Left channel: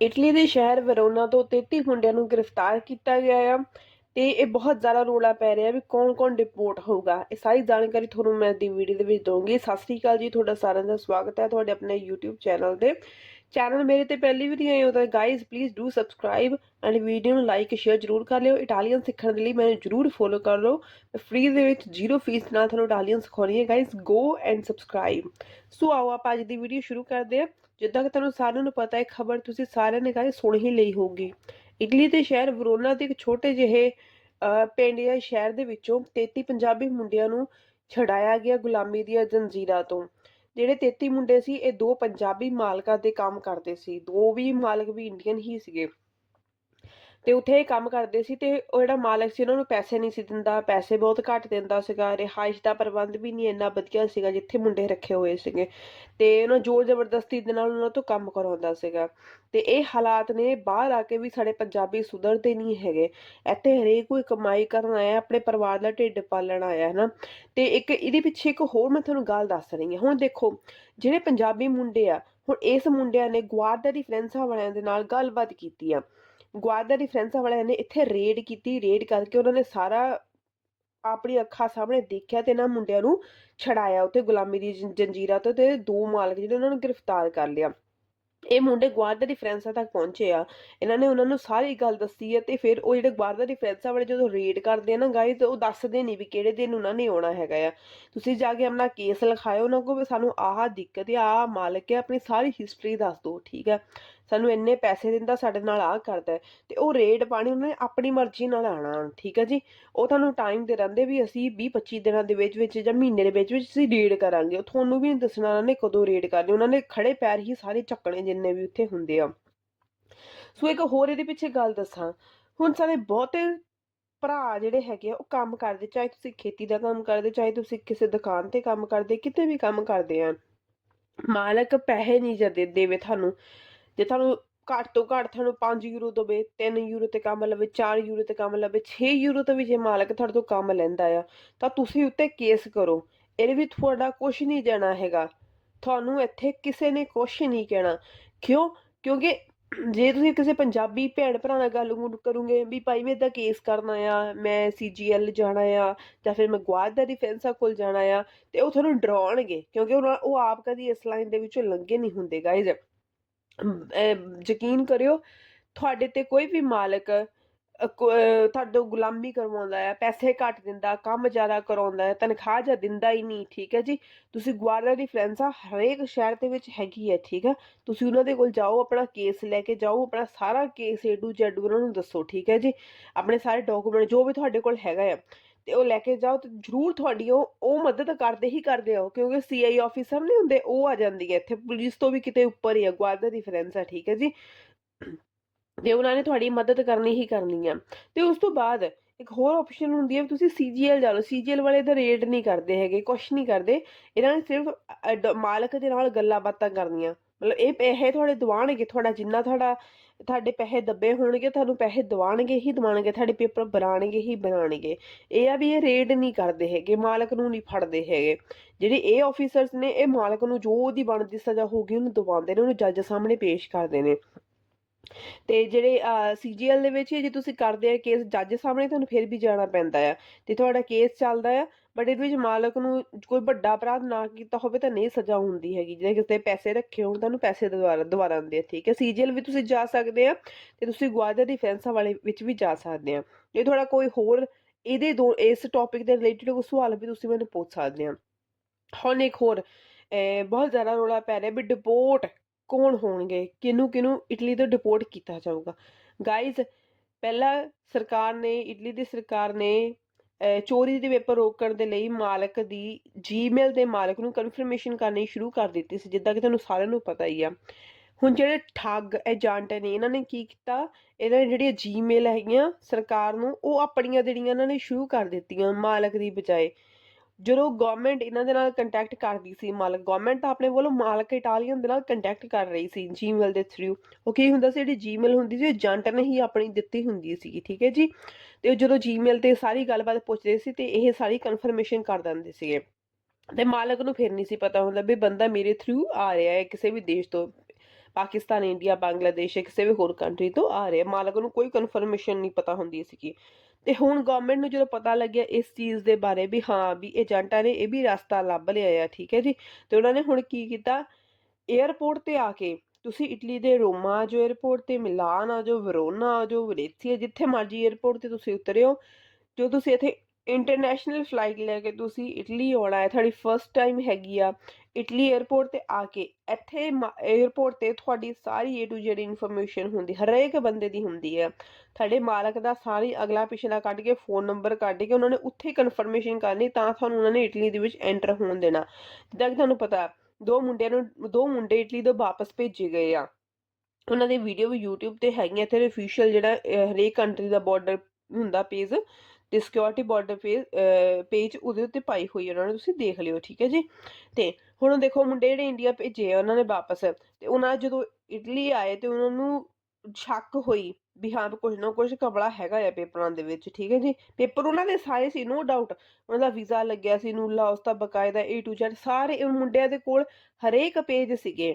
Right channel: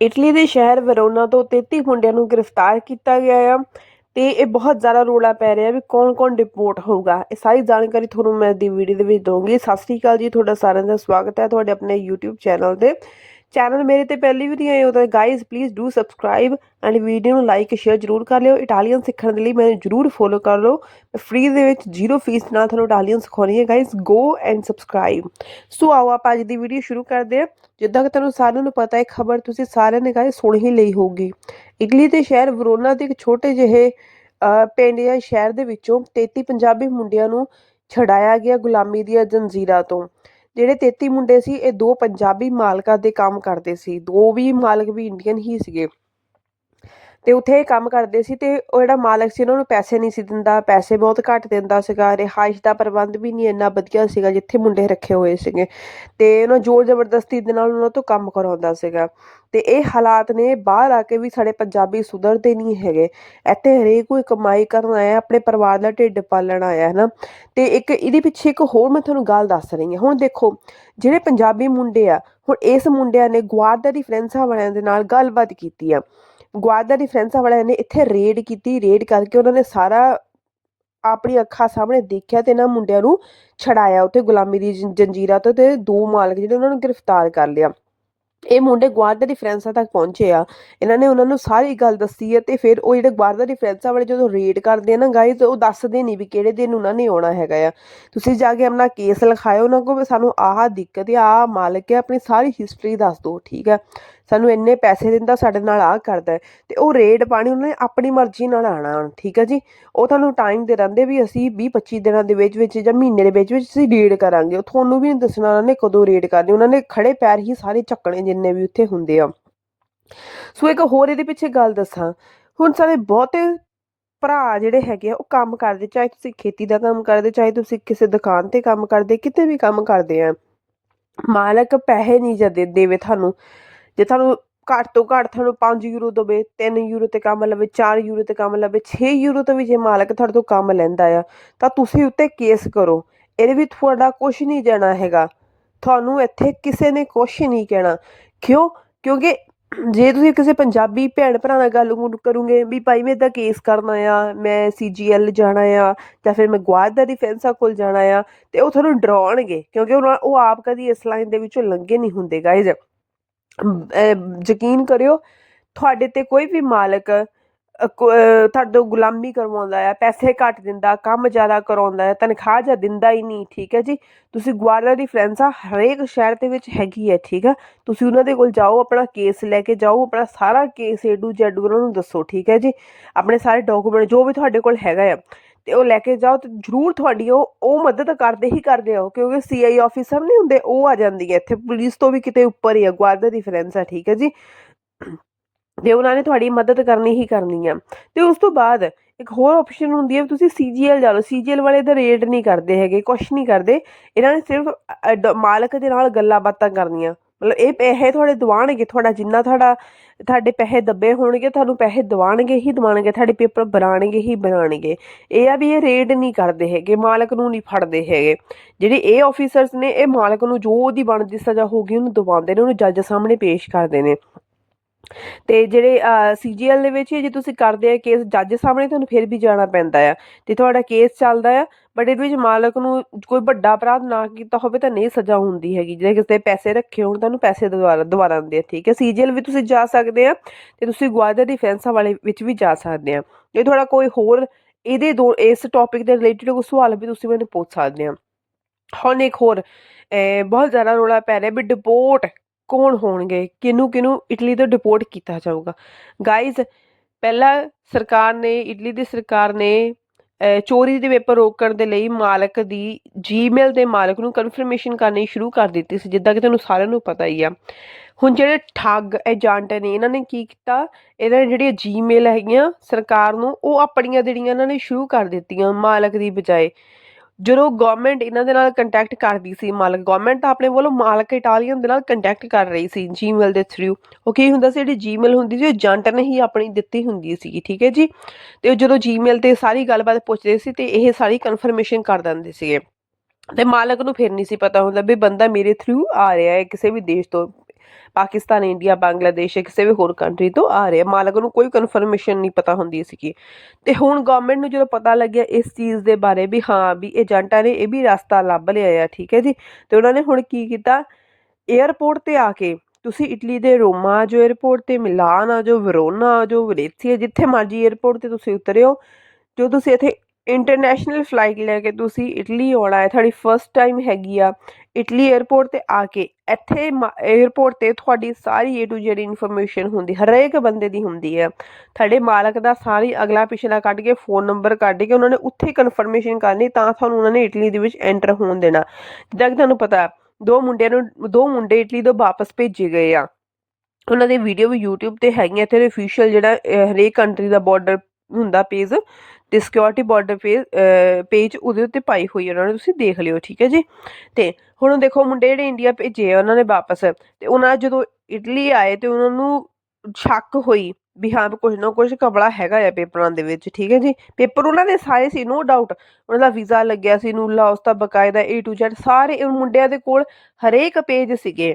Italy ਦੇ ਸ਼ਹਿਰ Verona ਤੋਂ 33 ਮੁੰਡਿਆਂ ਨੂੰ ਗ੍ਰਿਫਤਾਰ ਕੀਤਾ ਗਿਆ ਆ ਤੇ ਇਹ ਬਹੁਤ ਜ਼ਿਆਦਾ ਰੋਲਾ ਪੈ ਰਿਹਾ ਵੀ ਕੌਣ-ਕੌਣ ਡਿਪੋਰਟ ਹੋਊਗਾ। ਇਹ ਸਾਰੀ ਜਾਣਕਾਰੀ ਤੁਹਾਨੂੰ ਮੈਂ ਦੀ ਵੀਡੀਓ ਦੇ ਵਿੱਚ ਦਵਾਂਗੀ ਸਤਿ ਸ੍ਰੀ ਅਕਾਲ ਜੀ, ਤੁਹਾਡਾ ਸਾਰਿਆਂ ਦਾ ਸਵਾਗਤ ਹੈ ਤੁਹਾਡੇ ਆਪਣੇ YouTube ਚੈਨਲ ਤੇ। ਚੈਨਲ ਮੇਰੇ ਤੇ ਪਹਿਲੀ ਵੀ ਨਹੀਂ ਆਏ ਹੋ ਤਾਂ guys please do subscribe and video ਨੂੰ ਲਾਈਕ ਸ਼ੇਅਰ ਜਰੂਰ ਕਰ ਲਿਓ। ਇਟਾਲੀਅਨ ਸਿੱਖਣ ਦੇ ਲਈ ਮੈਨੂੰ ਜਰੂਰ ਫੋਲੋ ਕਰ ਲਓ। ਫ੍ਰੀ ਦੇ ਵਿੱਚ ਜ਼ੀਰੋ ਫੀਸ ਨਾਲ ਤੁਹਾਨੂੰ ਇਟਾਲੀਅਨ ਸਿਖਾਉਣੀ ਹੈ guys go and subscribe so ਆਓ ਆਪਾਂ ਅੱਜ ਦੀ ਵੀਡੀਓ ਸ਼ੁਰੂ ਕਰਦੇ ਹਾਂ। ਜਿੱਦਾਂ ਕਿ ਤੁਹਾਨੂੰ ਸਾਰਿਆਂ ਨੂੰ ਪਤਾ ਹੈ ਖਬਰ ਤੁਸੀਂ ਸਾਰਿਆਂ ਨੇ ਗਾਇਜ਼ ਸੁਣ ਹੀ ਲਈ ਹੋਊਗੀ। ਇਟਲੀ ਦੇ ਸ਼ਹਿਰ ਵਰੋਨਾ ਦੇ ਇੱਕ ਛੋਟੇ ਜਿਹੇ ਪਿੰਡ ਜਾਂ ਸ਼ਹਿਰ ਦੇ ਵਿੱਚੋਂ 33 ਪੰਜਾਬੀ ਮੁੰਡਿਆਂ ਨੂੰ ਛਡਾਇਆ ਗਿਆ ਗੁਲਾਮੀ ਦੀਆਂ ਜੰਜੀਰਾਂ ਤੋਂ। ਜਿਹੜੇ 33 ਮੁੰਡੇ ਸੀ, ਇਹ ਦੋ ਪੰਜਾਬੀ ਮਾਲਕਾਂ ਦੇ ਕੰਮ ਕਰਦੇ ਸੀ। ਦੋ ਵੀ ਮਾਲਕ ਵੀ ਇੰਡੀਅਨ ਹੀ ਸੀਗੇ। ਤੇ ਉੱਥੇ ਇਹ ਕੰਮ ਕਰਦੇ ਸੀ ਤੇ ਉਹ ਜਿਹੜਾ ਮਾਲਕ ਸੀ ਉਹਨਾਂ ਨੂੰ ਪੈਸੇ ਨਹੀਂ ਸੀ ਦਿੰਦਾ, ਪੈਸੇ ਬਹੁਤ ਘੱਟ ਦਿੰਦਾ ਸੀਗਾ, ਰਿਹਾਇਸ਼ ਦਾ ਪ੍ਰਬੰਧ ਵੀ ਨਹੀਂ ਇੰਨਾ ਵਧੀਆ ਸੀਗਾ ਜਿੱਥੇ ਮੁੰਡੇ ਰੱਖੇ ਹੋਏ ਸੀਗੇ ਤੇ ਉਹਨਾਂ ਜ਼ੋਰ ਜ਼ਬਰਦਸਤੀ ਦੇ ਨਾਲ ਉਹਨਾਂ ਤੋਂ ਕੰਮ ਕਰਾਉਂਦਾ ਸੀਗਾ ਤੇ ਇਹ ਹਾਲਾਤ ਨੇ ਬਾਹਰ ਆ ਕੇ ਵੀ ਸਾਡੇ ਪੰਜਾਬੀ ਸੁਧਰਦੇ ਨਹੀਂ ਹੈਗੇ। ਇੱਥੇ ਹਰੇਕ ਕੋਈ ਕਮਾਈ ਕਰਨ ਆਇਆ, ਆਪਣੇ ਪਰਿਵਾਰ ਦਾ ਢਿੱਡ ਪਾਲਣ ਆਇਆ ਹੈ ਨਾ ਤੇ ਇੱਕ ਇਹਦੇ ਪਿੱਛੇ ਇੱਕ ਹੋਰ ਮੈਂ ਤੁਹਾਨੂੰ ਗੱਲ ਦੱਸ ਰਹੀ ਹਾਂ। ਹੁਣ ਦੇਖੋ, ਜਿਹੜੇ ਪੰਜਾਬੀ ਮੁੰਡੇ ਆ, ਹੁਣ ਇਸ ਮੁੰਡਿਆਂ ਨੇ ਗਵਾਰਦਾ ਦੀ ਫਰੈਂਸਾਂ ਵਾਲਿਆਂ ਦੇ ਨਾਲ ਗੱਲਬਾਤ ਕੀਤੀ ਆ। ਗਵਾਰਦਾ ਦੀ ਵਾਲਿਆਂ ਨੇ ਇੱਥੇ ਰੇਡ ਕੀਤੀ ਰੇਡ ਕਰਕੇ ਉਹਨਾਂ ਨੇ ਸਾਰਾ ਆਪਣੀ ਅੱਖਾਂ ਸਾਹਮਣੇ ਦੇਖਿਆ ਤੇ ਇਹਨਾਂ ਮੁੰਡਿਆਂ ਨੂੰ ਛਡਾਇਆ ਉੱਥੇ ਗੁਲਾਮੀ ਦੀ ਜੰ- ਤੋਂ ਤੇ ਦੋ ਮਾਲਕ ਜਿਹੜੇ ਉਹਨਾਂ ਨੂੰ ਗ੍ਰਿਫਤਾਰ ਕਰ ਲਿਆ। ਇਹ ਮੁੰਡੇ ਗਵਾਰਦਾ ਦੀ ਤੱਕ ਪਹੁੰਚੇ ਆ। ਇਹਨਾਂ ਨੇ ਉਹਨਾਂ ਨੂੰ ਸਾਰੀ ਗੱਲ ਦੱਸੀ ਹੈ ਤੇ ਫਿਰ ਉਹ ਜਿਹੜੇ ਗਵਾਰਦਾ ਦੀ ਵਾਲੇ ਜਦੋਂ ਰੇਡ ਕਰਦੇ ਆ ਨਾ ਗਾਇਜ਼ ਉਹ ਦੱਸਦੇ ਨਹੀਂ ਵੀ ਕਿਹੜੇ ਦਿਨ ਉਹਨਾਂ ਨੇ ਆਉਣਾ ਹੈਗਾ ਆ। ਤੁਸੀਂ ਜਾ ਕੇ ਆਪਣਾ ਕੇਸ ਲਿਖਾਇਓ ਉਹਨਾਂ ਕੋਲ ਸਾਨੂੰ ਆਹ ਦਿੱਕਤ ਹੈ ਆਹ ਮਾਲਕ ਹੈ ਆਪਣੀ ਸਾਰੀ ਹਿਸਟਰੀ ਦੱਸ ਦਿਓ, ਠੀਕ ਹੈ ਸਾਨੂੰ ਇੰਨੇ ਪੈਸੇ ਦਿੰਦਾ, ਸਾਡੇ ਨਾਲ ਆਹ ਕਰਦਾ ਤੇ ਉਹ ਰੇਡ ਪਾਣੀ ਉਹਨਾਂ ਆਪਣੀ ਮਰਜ਼ੀ ਨਾਲ ਆਣਾ ਠੀਕ ਹੈ ਜੀ? ਉਹ ਤੁਹਾਨੂੰ ਟਾਈਮ ਦੇ ਰਹਿੰਦੇ ਵੀ ਅਸੀਂ 20 25 ਦਿਨਾਂ ਦੇ ਵਿੱਚ ਵਿੱਚ ਜਾਂ ਮਹੀਨੇ ਦੇ ਵਿੱਚ ਵਿੱਚ ਅਸੀਂ ਰੇਡ ਕਰਾਂਗੇ। ਉਹ ਤੁਹਾਨੂੰ ਵੀ ਨਹੀਂ ਦੱਸਣਾ ਉਹਨਾਂ ਨੇ ਕਦੋਂ ਰੇਡ ਕਰਨੀ। ਉਹਨਾਂ ਨੇ ਖੜੇ ਪੈਰ ਹੀ ਸਾਰੇ ਚੱਕਣੇ ਜਿੰਨੇ ਵੀ ਉੱਥੇ ਹੁੰਦੇ ਆ। ਸੋ ਇੱਕ ਹੋਰ ਇਹਦੇ ਪਿੱਛੇ ਗੱਲ ਦੱਸਾਂ। ਹੁਣ ਸਾਰੇ ਬਹੁਤੇ ਭਰਾ ਜਿਹੜੇ ਹੈਗੇ ਆ, ਉਹ ਕੰਮ ਕਰਦੇ, ਚਾਹੇ ਤੁਸੀਂ ਖੇਤੀ ਦਾ ਕੰਮ ਕਰਦੇ, ਚਾਹੇ ਤੁਸੀਂ ਕਿਸੇ ਦੁਕਾਨ ਤੇ ਕੰਮ ਕਰਦੇ, ਕਿਤੇ ਵੀ ਕੰਮ ਕਰਦੇ ਆ। ਮਾਲਕ ਪੈਸੇ ਨਹੀਂ ਜਦੇ ਦੇਵੇ ਤੁਹਾਨੂੰ। ਜੇ ਤੁਹਾਨੂੰ ਘੱਟ ਤੋਂ ਘੱਟ ਤੁਹਾਨੂੰ 5 ਯੂਰੋ ਦੇਵੇ 3 ਯੂਰੋ ਤੇ ਕੰਮ ਲਵੇ 4 ਯੂਰੋ ਤੇ ਕੰਮ ਲਵੇ 6 ਯੂਰੋ ਤੇ ਵੀ ਜੇ ਮਾਲਕ ਤੁਹਾਡੇ ਤੋਂ ਕੰਮ ਲੈਂਦਾ ਆ, ਤਾਂ ਤੁਸੀਂ ਉੱਤੇ ਕੇਸ ਕਰੋ। ਇਹਦੇ ਵਿੱਚ ਤੁਹਾਡਾ ਕੁਝ ਨਹੀਂ ਜਾਣਾ ਹੈਗਾ। ਤੁਹਾਨੂੰ ਇੱਥੇ ਕਿਸੇ ਨੇ ਕੁਝ ਨਹੀਂ ਕਹਿਣਾ। ਕਿਉਂ? ਕਿਉਂਕਿ ਜੇ ਤੁਸੀਂ ਕਿਸੇ ਪੰਜਾਬੀ ਭੈਣ ਭਰਾ ਨਾਲ ਗੱਲ ਕਰੋਗੇ ਵੀ ਭਾਈ ਮੈਂ ਇਦਾਂ ਕੇਸ ਕਰਨਾ ਆ, ਮੈਂ ਸੀਜੀਐਲ ਜਾਣਾ ਆ, ਜਾਂ ਫਿਰ ਮੈਂ ਗਵਾਦ ਦਾ ਡਿਫੈਂਸਾ ਕੋਲ ਜਾਣਾ ਆ, ਤੇ ਉਹ ਤੁਹਾਨੂੰ ਡਰਾਉਣਗੇ। ਕਿਉਂਕਿ ਉਹ ਆਪ ਕਦੀ ਇਸ ਲਾਈਨ ਦੇ ਵਿੱਚੋਂ ਲੰਘੇ ਨਹੀਂ ਹੁੰਦੇ ਗਾਇਜ਼ ਯਕੀਨ ਕਰਿਓ, ਤੁਹਾਡੇ ਤੇ ਕੋਈ ਵੀ ਮਾਲਕ ਤੁਹਾਡੇ ਤੋਂ ਗੁਲਾਮੀ ਕਰਵਾਉਂਦਾ ਆ, ਪੈਸੇ ਘੱਟ ਦਿੰਦਾ, ਕੰਮ ਜ਼ਿਆਦਾ ਕਰਾਉਂਦਾ ਹੈ ਤਨਖਾਹ ਜਾਂ ਦਿੰਦਾ ਹੀ ਨਹੀਂ, ਠੀਕ ਹੈ ਜੀ? ਤੁਸੀਂ ਗਵਾਰਾ ਦੀ ਫਰੈਂਸਾ ਹਰੇਕ ਸ਼ਹਿਰ ਦੇ ਵਿੱਚ ਹੈਗੀ ਹੈ, ਠੀਕ ਹੈ ਤੁਸੀਂ ਉਹਨਾਂ ਦੇ ਕੋਲ ਜਾਓ, ਆਪਣਾ ਕੇਸ ਲੈ ਕੇ ਜਾਓ, ਆਪਣਾ ਸਾਰਾ ਕੇਸ ਏ ਟੂ ਜ਼ੈਡ ਉਹਨਾਂ ਨੂੰ ਦੱਸੋ, ਠੀਕ ਹੈ ਜੀ? ਆਪਣੇ ਸਾਰੇ ਡਾਕੂਮੈਂਟ ਜੋ ਵੀ ਤੁਹਾਡੇ ਕੋਲ ਹੈਗਾ ਆ ਤੇ ਉਹ ਲੈ ਕੇ ਜਾਓ ਤੇ ਜ਼ਰੂਰ ਤੁਹਾਡੀ ਉਹ ਉਹ ਮਦਦ ਕਰਦੇ ਹੀ ਕਰਦੇ ਆ ਕਿਉਂਕਿ ਸੀਆਈ ਆਫੀਸਰ ਨਹੀਂ ਹੁੰਦੇ, ਉਹ ਆ ਜਾਂਦੀ ਹੈ ਇੱਥੇ, ਪੁਲਿਸ ਤੋਂ ਵੀ ਕਿਤੇ ਉੱਪਰ ਹੀ ਆ ਗਵਾਰਾ ਦੀ ਫਰੈਂਸਾ ਠੀਕ ਹੈ ਜੀ। ਤੇ ਉਹਨਾਂ ਨੇ ਤੁਹਾਡੀ ਮਦਦ ਕਰਨੀ ਹੀ ਕਰਨੀ ਆ ਤੇ ਉਸ ਤੋਂ ਬਾਅਦ ਇੱਕ ਹੋਰ ਆਪਸ਼ਨ ਹੁੰਦੀ ਹੈ, ਤੁਸੀਂ ਸੀਜੀਐਲ ਜਾ ਲਓ ਸੀਜੀਐਲ ਵਾਲੇ ਤਾਂ ਰੇਟ ਨਹੀਂ ਕਰਦੇ ਹੈਗੇ ਕੁਝ ਨਹੀਂ ਕਰਦੇ, ਇਹਨਾਂ ਨੇ ਸਿਰਫ ਮਾਲਕ ਦੇ ਨਾਲ ਗੱਲਾਂ ਬਾਤਾਂ ਕਰਨੀਆਂ। ਮਤਲਬ ਇਹ ਪੈਸੇ ਤੁਹਾਡੇ ਦਿਵਾਣਗੇ ਤੁਹਾਡਾ ਜਿੰਨਾ ਤੁਹਾਡਾ, ਤੁਹਾਡੇ ਪੈਸੇ ਦੱਬੇ ਹੋਣਗੇ, ਤੁਹਾਨੂੰ ਪੈਸੇ ਦਿਵਾਣਗੇ ਹੀ ਦਿਵਾਣਗੇ ਤੁਹਾਡੇ ਪੇਪਰ ਬਣਾਣਗੇ ਹੀ ਬਣਾਣਗੇ ਇਹ ਆ ਵੀ ਇਹ ਰੇਡ ਨਹੀਂ ਕਰਦੇ ਹੈਗੇ, ਮਾਲਕ ਨੂੰ ਨਹੀਂ ਫੜਦੇ ਹੈਗੇ। ਜਿਹੜੇ ਇਹ ਆਫੀਸਰਸ ਨੇ, ਇਹ ਮਾਲਕ ਨੂੰ ਜੋ ਉਹਦੀ ਬਣਦੀ ਸਜ਼ਾ ਹੋਗੀ ਉਹਨੂੰ ਦਿਵਾਉਂਦੇ ਨੇ, ਉਹਨੂੰ ਜੱਜ ਸਾਹਮਣੇ ਪੇਸ਼ ਕਰਦੇ ਨੇ। ਤੇ ਜਿਹੜੇ ਸੀਜੀਐਲ ਦੇ ਵਿੱਚ ਜੇ ਤੁਸੀਂ ਕਰਦੇ ਆ ਕੇਸ ਜੱਜ ਸਾਹਮਣੇ ਤੁਹਾਨੂੰ ਫਿਰ ਵੀ ਜਾਣਾ ਪੈਂਦਾ ਆ। ਤੇ ਤੁਹਾਡਾ ਕੇਸ ਚੱਲਦਾ ਆ ਬਟ ਇਹਦੇ ਵਿੱਚ ਮਾਲਕ ਨੂੰ ਕੋਈ ਵੱਡਾ ਅਪਰਾਧ ਨਾ ਕੀਤਾ ਹੋਵੇ ਤਾਂ ਨਹੀਂ ਸਜ਼ਾ ਹੁੰਦੀ ਹੈਗੀ। ਜੇ ਕਿਸੇ ਪੈਸੇ ਰੱਖੇ ਹੋਣ ਤੁਹਾਨੂੰ ਪੈਸੇ ਦੁਬਾਰਾ ਦੁਬਾਰਾ ਦਿੰਦੇ ਆ, ਠੀਕ ਹੈ? ਸੀਜੀਐਲ ਵੀ ਤੁਸੀਂ ਜਾ ਸਕਦੇ ਆ ਤੇ ਤੁਸੀਂ ਗਵਾਦਾ ਡਿਫੈਂਸ ਵਾਲੇ ਵਿੱਚ ਵੀ ਜਾ ਸਕਦੇ ਆ। ਜੇ ਤੁਹਾਡਾ ਕੋਈ ਹੋਰ ਇਹਦੇ ਦੋ, ਇਸ ਟੌਪਿਕ ਦੇ ਰਿਲੇਟਡ ਕੋਈ ਸਵਾਲ ਵੀ ਤੁਸੀਂ ਮੈਨੂੰ ਪੁੱਛ ਸਕਦੇ ਆ। ਹੁਣ ਇੱਕ ਹੋਰ ਬਹੁਤ ਜ਼ਿਆਦਾ ਰੌਲਾ ਪੈ ਰਿਹਾ ਵੀ ਡਿਪੋਰਟ ਕੌਣ ਹੋਣਗੇ? ਕਿਹਨੂੰ ਕਿਹਨੂੰ ਇਟਲੀ ਤੋਂ ਡਿਪੋਰਟ ਕੀਤਾ ਜਾਊਗਾ? ਗਾਇਜ਼ ਪਹਿਲਾਂ ਸਰਕਾਰ ਨੇ ਇਟਲੀ ਦੀ ਸਰਕਾਰ ਨੇ ਚੋਰੀ ਦੇ ਪੇਪਰ ਰੋਕਣ ਦੇ ਲਈ ਮਾਲਕ ਦੀ ਜੀਮੇਲ ਦੇ ਮਾਲਕ ਨੂੰ ਕਨਫਰਮੇਸ਼ਨ ਕਰਨੀ ਸ਼ੁਰੂ ਕਰ ਦਿੱਤੀ ਸੀ, ਜਿੱਦਾਂ ਕਿ ਤੁਹਾਨੂੰ ਸਾਰਿਆਂ ਨੂੰ ਪਤਾ ਹੀ ਆ। ਹੁਣ ਜਿਹੜੇ ਠੱਗ ਏਜੰਟ ਨੇ, ਇਹਨਾਂ ਨੇ ਕੀ ਕੀਤਾ? ਇਹਨਾਂ ਨੇ ਜਿਹੜੀਆਂ ਜੀਮੇਲ ਹੈਗੀਆਂ ਸਰਕਾਰ ਨੂੰ, ਉਹ ਆਪਣੀਆਂ ਜਿਹੜੀਆਂ ਇਹਨਾਂ ਨੇ ਸ਼ੁਰੂ ਕਰ ਦਿੱਤੀਆਂ ਮਾਲਕ ਦੀ ਬਜਾਏ। ਜਦੋਂ ਗਵਰਨਮੈਂਟ ਇਹਨਾਂ ਦੇ ਨਾਲ ਕੰਟੈਕਟ ਕਰਦੀ ਸੀ, ਮਾਲਕ ਗਵਰਨਮੈਂਟ ਤਾਂ ਆਪਣੇ ਵੱਲੋਂ ਮਾਲਕ ਇਟਾਲੀਅਨ ਦੇ ਨਾਲ ਕੰਟੈਕਟ ਕਰ ਰਹੀ ਸੀ ਜੀਮੇਲ ਦੇ ਥਰੂ ਉਹ ਕੀ ਹੁੰਦਾ ਸੀ, ਜਿਹੜੀ ਜੀਮੇਲ ਹੁੰਦੀ ਸੀ, ਉਹ ਏਜੰਟ ਨੇ ਹੀ ਆਪਣੀ ਦਿੱਤੀ ਹੁੰਦੀ ਸੀ ਠੀਕ ਹੈ ਜੀ? ਤੇ ਜਦੋਂ ਜੀਮੇਲ ਤੇ ਸਾਰੀ ਗੱਲਬਾਤ ਪੁੱਛਦੇ ਸੀ ਤੇ ਇਹ ਸਾਰੀ ਕਨਫਰਮੇਸ਼ਨ ਕਰ ਦਿੰਦੇ ਸੀਗੇ। ਤੇ ਮਾਲਕ ਨੂੰ ਫਿਰ ਨਹੀਂ ਸੀ ਪਤਾ ਹੁੰਦਾ ਵੀ ਬੰਦਾ ਮੇਰੇ ਥਰੂ ਆ ਰਿਹਾ ਹੈ, ਕਿਸੇ ਵੀ ਦੇਸ਼ ਤੋਂ ਪਾਕਿਸਤਾਨ, ਇੰਡੀਆ, ਬੰਗਲਾਦੇਸ਼ ਕਿਸੇ ਵੀ ਹੋਰ ਕੰਟਰੀ ਤੋਂ ਆ ਰਿਹਾ। ਮਾਲਕ ਨੂੰ ਕੋਈ ਕਨਫਰਮੇਸ਼ਨ ਨਹੀਂ ਪਤਾ ਹੁੰਦੀ ਸੀ ਕਿ ਤੇ ਹੁਣ ਗਵਰਨਮੈਂਟ ਨੂੰ ਜਦੋਂ ਪਤਾ ਲੱਗਿਆ ਇਸ ਚੀਜ਼ ਦੇ ਬਾਰੇ ਵੀ, ਹਾਂ, ਵੀ ਏਜੰਟਾਂ ਨੇ ਇਹ ਵੀ ਰਸਤਾ ਲੱਭ ਲਿਆ ਆ, ਠੀਕ ਹੈ ਜੀ। ਤੇ ਉਹਨਾਂ ਨੇ ਹੁਣ ਕੀ ਕੀਤਾ? 에어ਪੋਰਟ ਤੇ ਆ ਕੇ ਤੁਸੀਂ ਇਟਲੀ ਦੇ ਰੋਮਾ ਜੋ 에어ਪੋਰਟ ਤੇ, ਮਿਲਾਨ ਆ ਜੋ ਵਰੋਨਾ ਆ ਜੋ ਵੈਨੇਸੀਆ ਜਿੱਥੇ ਮਰਜ਼ੀ 에어ਪੋਰਟ ਤੇ ਤੁਸੀਂ ਉਤਰਿਓ। ਜੋ ਤੁਸੀਂ ਇੱਥੇ ਇੰਟਰਨੈਸ਼ਨਲ ਫਲਾਈਟ ਲੈ ਕੇ ਤੁਸੀਂ ਇਟਲੀ ਆਉਣਾ ਹੈ, ਤੁਹਾਡੀ ਫਰਸਟ ਟਾਈਮ ਹੈਗੀ ਆ ਇਟਲੀ 에ਅਰਪੋਰਟ ਤੇ ਆ ਕੇ, ਇੱਥੇ 에ਅਰਪੋਰਟ ਤੇ ਤੁਹਾਡੀ ਸਾਰੀ ਏ ਟੂ ਜ਼ੈਡ ਇਨਫੋਰਮੇਸ਼ਨ ਹੁੰਦੀ, ਹਰੇਕ ਬੰਦੇ ਦੀ ਹੁੰਦੀ ਹੈ। ਤੁਹਾਡੇ ਮਾਲਕ ਦਾ ਸਾਰੀ ਅਗਲਾ ਪਿਛਲਾ ਕੱਢ ਕੇ ਫੋਨ ਨੰਬਰ ਕੱਢ ਕੇ ਉਹਨਾਂ ਨੇ ਉੱਥੇ ਕਨਫਰਮੇਸ਼ਨ ਕਰਨੀ, ਤਾਂ ਤੁਹਾਨੂੰ ਉਹਨਾਂ ਨੇ ਇਟਲੀ ਦੇ ਵਿੱਚ ਐਂਟਰ ਹੋਣ ਦੇਣਾ। ਜਿੱਦਾਂ ਕਿ ਤੁਹਾਨੂੰ ਪਤਾ, ਦੋ ਮੁੰਡਿਆਂ ਨੂੰ, ਦੋ ਮੁੰਡੇ ਇਟਲੀ ਤੋਂ ਵਾਪਸ ਭੇਜੇ ਗਏ ਆ। ਉਹਨਾਂ ਦੀ ਵੀਡੀਓ ਵੀ YouTube ਤੇ ਹੈਗੀਆਂ ਤੇ ਅਫੀਸ਼ੀਅਲ ਜਿਹੜਾ ਹਰੇਕ ਕੰਟਰੀ ਦਾ ਬਾਰਡਰ ਹੁੰਦਾ ਪੇਜ ਤੇ ਸਿਕਿਉਰਿਟੀ ਬਾਰਡਰ ਪੇਜ ਪੇਜ ਉਹਦੇ ਉੱਤੇ ਪਾਈ ਹੋਈ ਹੈ ਉਹਨਾਂ ਨੇ ਤੁਸੀਂ ਦੇਖ ਲਿਓ, ਠੀਕ ਹੈ ਜੀ? ਤੇ ਹੁਣ ਦੇਖੋ ਮੁੰਡੇ ਜਿਹੜੇ ਇੰਡੀਆ ਭੇਜੇ ਆ, ਉਹਨਾਂ ਨੇ ਵਾਪਸ ਤੇ ਉਹਨਾਂ ਜਦੋਂ ਇਟਲੀ ਆਏ ਤੇ ਉਹਨਾਂ ਨੂੰ ਸ਼ੱਕ ਹੋਈ ਵੀ ਹਾਂ ਵੀ ਕੁਝ ਨਾ ਕੁਝ ਕਪੜਾ ਹੈਗਾ ਆ ਪੇਪਰਾਂ ਦੇ ਵਿੱਚ, ਠੀਕ ਹੈ ਜੀ? ਪੇਪਰ ਉਹਨਾਂ ਦੇ ਸਾਰੇ ਸੀ ਨੋ ਡਾਊਟ ਉਹਨਾਂ ਦਾ ਵੀਜ਼ਾ ਲੱਗਿਆ ਸੀ ਨੂਲਾ ਉਸ ਦਾ ਬਕਾਇਦਾ A to Z ਸਾਰੇ ਉਹ ਮੁੰਡਿਆਂ ਦੇ ਕੋਲ ਹਰੇਕ ਪੇਜ ਸੀਗੇ।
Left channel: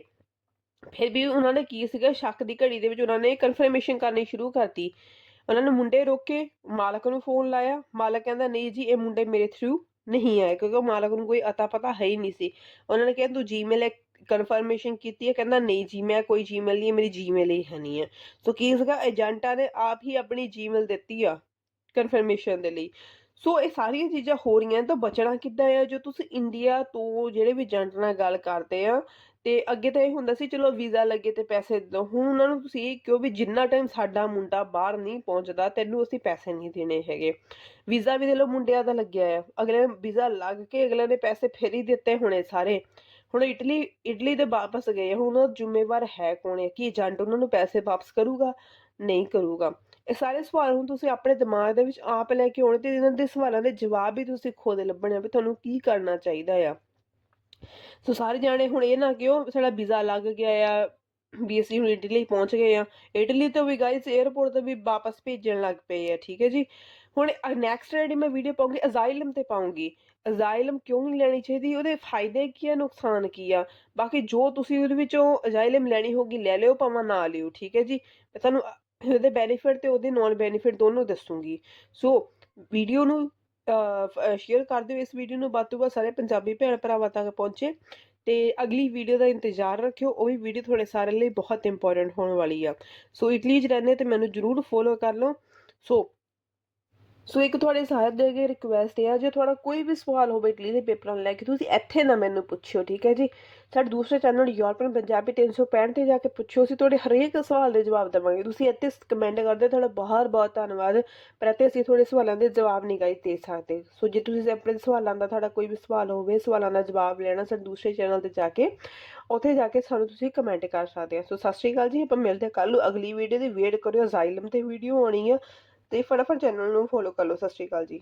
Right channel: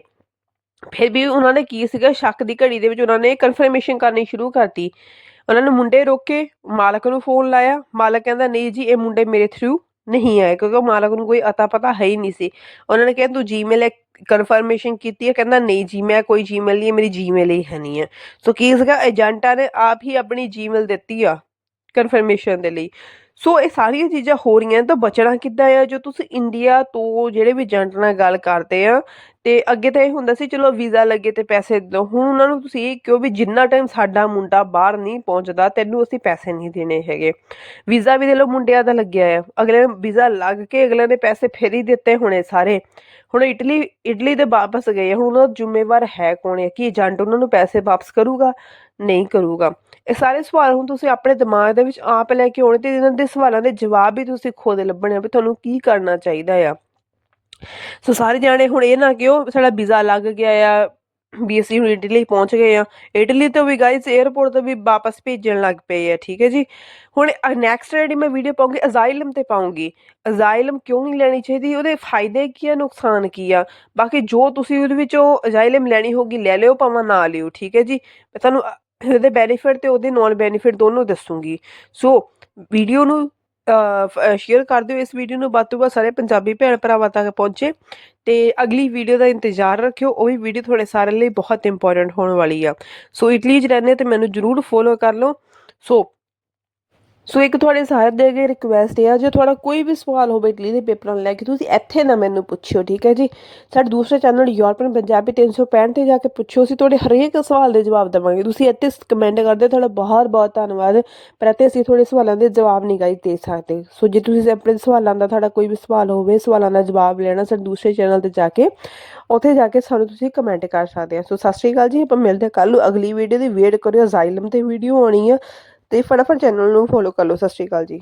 ਫਿਰ ਵੀ ਉਹਨਾਂ ਨੇ ਕੀ ਸੀਗਾ, ਸ਼ੱਕ ਦੀ ਘੜੀ ਦੇ ਵਿੱਚ ਉਹਨਾਂ ਨੇ ਕਨਫਰਮੇਸ਼ਨ ਕਰਨੀ ਸ਼ੁਰੂ ਕਰਤੀ। ਉਹਨਾਂ ਨੇ ਮੁੰਡੇ ਰੋਕੇ, ਮਾਲਕ ਨੂੰ ਫੋਨ ਲਾਇਆ, ਮਾਲਕ ਕਹਿੰਦਾ, ਨਹੀਂ ਜੀ, ਇਹ ਮੁੰਡੇ ਮੇਰੇ ਥਰੂ ਨਹੀਂ ਆਏ ਕਿਉਂਕਿ ਉਹ ਮਾਲਕ ਨੂੰ ਕੋਈ ਅਤਾ ਪਤਾ ਹੈ ਹੀ ਨਹੀਂ ਸੀ ਉਹਨਾਂ ਨੇ ਕਿਹਾ ਤੂੰ ਜੀਮੇਲ ਕਨਫਰਮੇਸ਼ਨ ਕੀਤੀ ਹੈ ਕਹਿੰਦਾ ਨਹੀਂ ਜੀ ਮੈਂ ਕੋਈ ਜੀਮੇਲ ਨਹੀਂ ਹੈ, ਮੇਰੀ ਜੀਮੇਲ ਹੀ ਹੈ ਨਹੀਂ ਹੈ ਸੋ ਕੀ ਸੀਗਾ ਏਜੰਟਾਂ ਨੇ ਆਪ ਹੀ ਆਪਣੀ ਜੀਮੇਲ ਦਿੱਤੀ ਆ ਕਨਫਰਮੇਸ਼ਨ ਦੇ ਲਈ ਸੋ ਇਹ ਸਾਰੀਆਂ ਚੀਜ਼ਾਂ ਹੋ ਰਹੀਆਂ ਤਾਂ ਬਚਣਾ ਕਿੱਦਾਂ ਆ? ਜੋ ਤੁਸੀਂ ਇੰਡੀਆ ਤੋਂ ਜਿਹੜੇ ਵੀ ਏਜੰਟ ਨਾਲ ਗੱਲ ਕਰਦੇ ਆ, ਤੇ ਅੱਗੇ ਤਾਂ ਇਹ ਹੁੰਦਾ ਸੀ, ਚਲੋ ਵੀਜ਼ਾ ਲੱਗੇ ਤੇ ਪੈਸੇ ਦਿਓ ਹੁਣ ਉਹਨਾਂ ਨੂੰ ਤੁਸੀਂ ਇਹ ਕਿਉਂ ਵੀ ਜਿੰਨਾ ਟਾਈਮ ਸਾਡਾ ਮੁੰਡਾ ਬਾਹਰ ਨਹੀਂ ਪਹੁੰਚਦਾ, ਤੈਨੂੰ ਅਸੀਂ ਪੈਸੇ ਨਹੀਂ ਦੇਣੇ ਹੈਗੇ। ਵੀਜ਼ਾ ਵੀ ਦੇ ਲੋ ਮੁੰਡਿਆਂ ਦਾ ਲੱਗਿਆ ਆ। ਅਗਲੇ ਵੀਜ਼ਾ ਲੱਗ ਕੇ ਅਗਲੇ ਨੇ ਪੈਸੇ ਫੇਰ ਹੀ ਦਿੱਤੇ ਹੋਣੇ ਸਾਰੇ। ਹੁਣ ਇਟਲੀ ਇਟਲੀ ਦੇ ਵਾਪਸ ਗਏ ਹੁਣ ਦਾ ਜ਼ਿੰਮੇਵਾਰ ਹੈ ਕੌਣ ਹੈ ਕਿ ਏਜੰਟ ਉਹਨਾਂ ਨੂੰ ਪੈਸੇ ਵਾਪਸ ਕਰੂਗਾ? ਨਹੀਂ ਕਰੂਗਾ। ਇਹ ਸਾਰੇ ਸਵਾਲ ਹੁਣ ਤੁਸੀਂ ਆਪਣੇ ਦਿਮਾਗ ਦੇ ਵਿੱਚ ਆਪ ਲੈ ਕੇ ਆਉਣੇ ਤੇ ਇਹਨਾਂ ਦੇ ਸਵਾਲਾਂ ਦੇ ਜਵਾਬ ਵੀ ਤੁਸੀਂ ਖੁਦ ਲੱਭਣੇ ਆ ਵੀ ਤੁਹਾਨੂੰ ਕੀ ਕਰਨਾ ਚਾਹੀਦਾ ਆ। ਸੋ ਸਾਰੇ ਜਾਣੇ ਹੁਣ ਇਹ ਨਾ ਕਿਉਂ ਸਾਡਾ ਵੀਜ਼ਾ ਲੱਗ ਗਿਆ ਆ ਵੀ ਹੁਣ ਇਟਲੀ ਪਹੁੰਚ ਗਏ ਆ। ਇਟਲੀ ਤੋਂ ਵੀ ਗਾਇਸ 에ਅਰਪੋਰਟ ਤੋਂ ਵੀ ਵਾਪਸ ਭੇਜਣ ਲੱਗ ਪਏ ਆ, ਠੀਕ ਹੈ ਜੀ। ਹੁਣ ਨੈਕਸਟ ਜਿਹੜੀ ਮੈਂ ਵੀਡੀਓ ਪਾਉਂਗੀ ਅਜ਼ਾਈਲਮ ਤੇ ਪਾਉਂਗੀ। ਅਜ਼ਾਈਲਮ ਕਿਉਂ ਨਹੀਂ ਲੈਣੀ ਚਾਹੀਦੀ? ਉਹਦੇ ਫਾਇਦੇ ਕੀ ਆ, ਨੁਕਸਾਨ ਕੀ ਆ? ਬਾਕੀ ਜੋ ਤੁਸੀਂ ਉਹਦੇ ਵਿੱਚੋਂ ਅਜ਼ਾਈਲਮ ਲੈਣੀ ਹੋਗੀ ਲੈ ਲਿਓ, ਭਾਵੇਂ ਨਾ ਲਿਓ, ਠੀਕ ਹੈ ਜੀ। ਮੈਂ ਤੁਹਾਨੂੰ ਉਹਦੇ ਬੈਨੀਫਿਟ ਤੇ ਉਹਦੇ ਨੌਨ ਬੈਨੀਫਿਟ ਦੋਨੋਂ ਦੱਸੂਗੀ। ਸੋ ਵੀਡੀਓ ਨੂੰ ਸ਼ੇਅਰ ਕਰ ਦਿਓ। ਇਸ ਵੀਡੀਓ ਨੂੰ ਵੱਧ ਤੋਂ ਵੱਧ ਸਾਰੇ ਪੰਜਾਬੀ ਭੈਣ ਭਰਾਵਾਂ ਤੱਕ ਪਹੁੰਚੇ। ਤੇ ਅਗਲੀ ਵੀਡੀਓ ਦਾ ਇੰਤਜ਼ਾਰ ਰੱਖਿਓ। ਉਹ ਵੀ ਵੀਡੀਓ ਤੁਹਾਡੇ ਸਾਰਿਆਂ ਲਈ ਬਹੁਤ ਇੰਪੋਰਟੈਂਟ ਹੋਣ ਵਾਲੀ ਆ। ਸੋ ਇਟਲੀ 'ਚ ਰਹਿੰਦੇ ਤੇ ਮੈਨੂੰ ਜਰੂਰ ਫੋਲੋ ਕਰ ਲਓ। ਸੋ ਸੋ ਇੱਕ ਤੁਹਾਡੇ ਸਾਰੇ ਦੇ ਅੱਗੇ ਰਿਕੁਐਸਟ ਹੈ ਜੇ ਤੁਹਾਡਾ ਕੋਈ ਵੀ ਸਵਾਲ ਹੋਵੇ ਇਟਲੀ ਦੇ ਪੇਪਰਾਂ ਨੂੰ ਲੈ ਕੇ, ਤੁਸੀਂ ਇੱਥੇ ਨਾ ਮੈਨੂੰ ਪੁੱਛਿਓ, ਠੀਕ ਹੈ ਜੀ? ਸਾਡੇ ਦੂਸਰੇ ਚੈਨਲ ਯੂਰਪੀਅਨ ਪੰਜਾਬੀ 365 ਤੇ ਜਾ ਕੇ ਪੁੱਛੋ ਅਸੀਂ ਤੁਹਾਡੇ ਹਰੇਕ ਸਵਾਲ ਦੇ ਜਵਾਬ ਦੇਵਾਂਗੇ। ਤੁਸੀਂ ਇੱਥੇ ਕਮੈਂਟ ਕਰਦੇ, ਤੁਹਾਡਾ ਬਹੁਤ ਬਹੁਤ ਧੰਨਵਾਦ, ਪਰ ਇੱਥੇ ਅਸੀਂ ਤੁਹਾਡੇ ਸਵਾਲਾਂ ਦੇ ਜਵਾਬ ਨਹੀਂ ਗਾਈ ਦੇ ਸਕਦੇ। ਸੋ ਜੇ ਤੁਸੀਂ ਆਪਣੇ ਸਵਾਲਾਂ ਦਾ ਤੁਹਾਡਾ ਕੋਈ ਵੀ ਸਵਾਲ ਹੋਵੇ, ਸਵਾਲਾਂ ਦਾ ਜਵਾਬ ਲੈਣਾ ਸਾਡੇ ਦੂਸਰੇ ਚੈਨਲ ਤੇ ਜਾ ਕੇ, ਉੱਥੇ ਜਾ ਕੇ ਸਾਨੂੰ ਤੁਸੀਂ ਕਮੈਂਟ ਕਰ ਸਕਦੇ ਆ ਸੋ ਸਤਿ ਸ਼੍ਰੀ ਅਕਾਲ ਜੀ, ਆਪਾਂ ਮਿਲਦੇ ਹਾਂ ਕੱਲ ਨੂੰ ਅਗਲੀ ਵੀਡੀਓ ਦੀ ਵੇਟ ਕਰਿਓ ਜ਼ਾਇਲਮ ਤੇ ਵੀਡੀਓ ਆਉਣੀ ਆ। ਤੇ ਫਟਾਫਟ ਚੈਨਲ ਨੂੰ ਫੋਲੋ ਕਰ ਲਓ ਸਤਿ ਸ਼੍ਰੀ ਅਕਾਲ ਜੀ।